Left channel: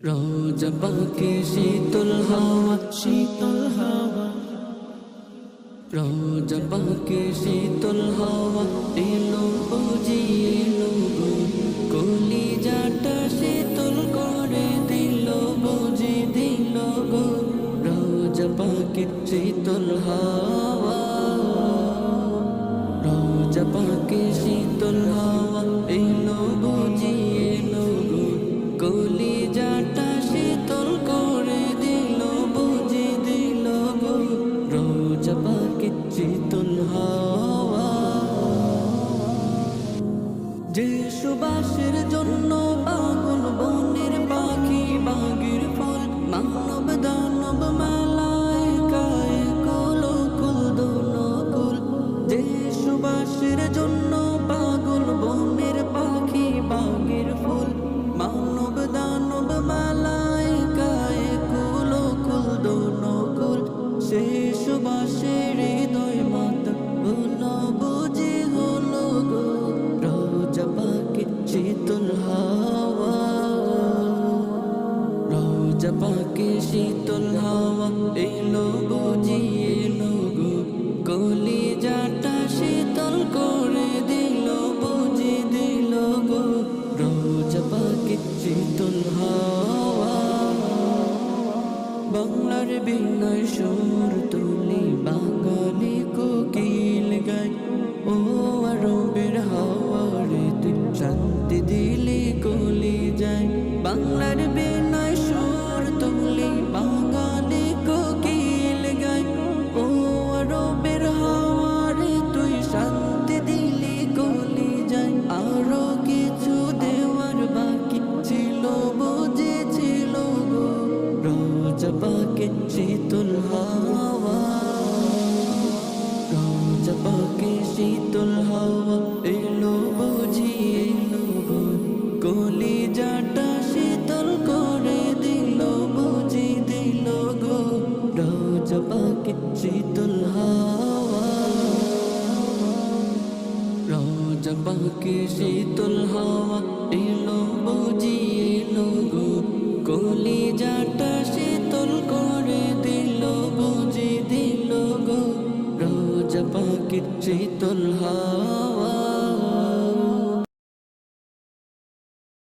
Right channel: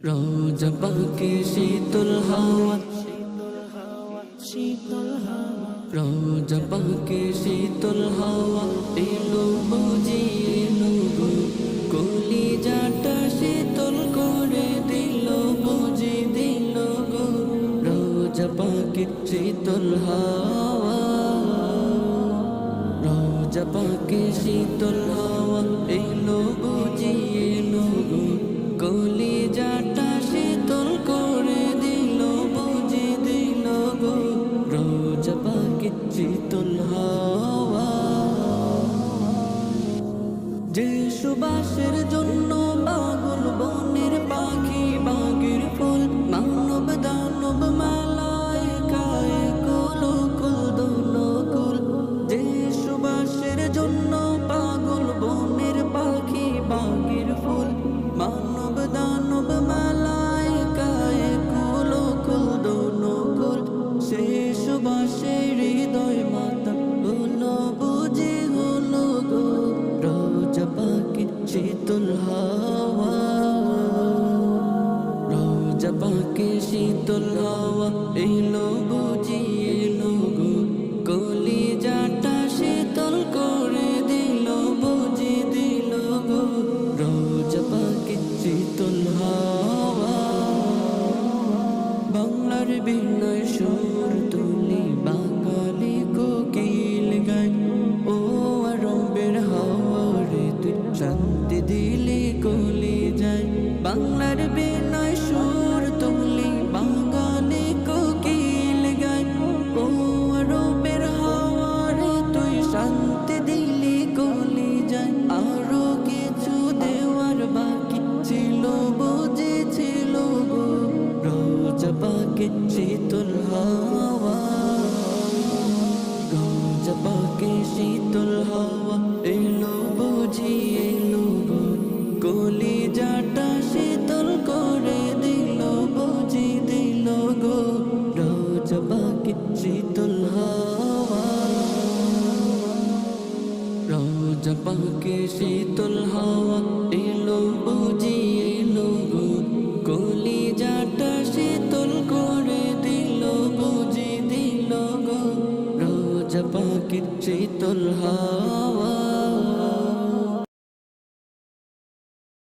রোজা পাকে শীতল হাওয়া, রোজা পাকে শীতল হাওয়া এলো বুঝি এলো গো, কলিজাটা শীতল করে দিল বুঝি দিল গো। রোজা পাকে শীতল হাওয়া, রোজা পাকে শীতল হাওয়া এলো বুঝি এলো গো, কলিজাটা শীতল করে দিল বুঝি দিল গো। রোজা পাকে শীতল হাওয়া, যে সুবাসের জন্য পাগল বনের পাখি বাগের ফুল, মানব দানব মালায়েকায়ে কুল কুল দোনকুল। যে সুবাসের জন্য পাগল বনের পাখি বাগের ফুল, মানব দানব মালায়েকায়ে কুল কুল দোনকুল। সে সুবাসের হৃদয় মাতা হলো বুঝি হলো গো, রোজা পাকে শীতল হাওয়া। রোজা পাকে শীতল হাওয়া এলো বুঝি এলো গো, কলিজাটা শীতল করে দিল বুঝি দিল গো। রোজা পাকে শীতল হাওয়া, বাংলার বিনয় সুর তুলি বাঙালি কোকিল গায়, ও আরবের হাওয়া রে তুই শান্তি দিলি কলি যায়। বাংলার বিনয় সুর তুলি বাঙালি কোকিল গায়, ও আরবের হাওয়া রে তুই শান্তি দিলি কলি যায়। আরো কিছু দেওয়ার বাকি ছিল বুঝেছিল গো, রোজা পাকে শীতল হাওয়া। রোজা পাকে শীতল হাওয়া এলো বুঝি এলো গো, কলিজাটা শীতল করে দিল বুঝি দিল গো। রোজা পাকে শীতল হাওয়া, রোজা পাকে শীতল হাওয়া এলো বুঝি এলো গো, কলিজাটা শীতল করে দিল বুঝি দিল গো। রোজা পাকে শীতল হাওয়া।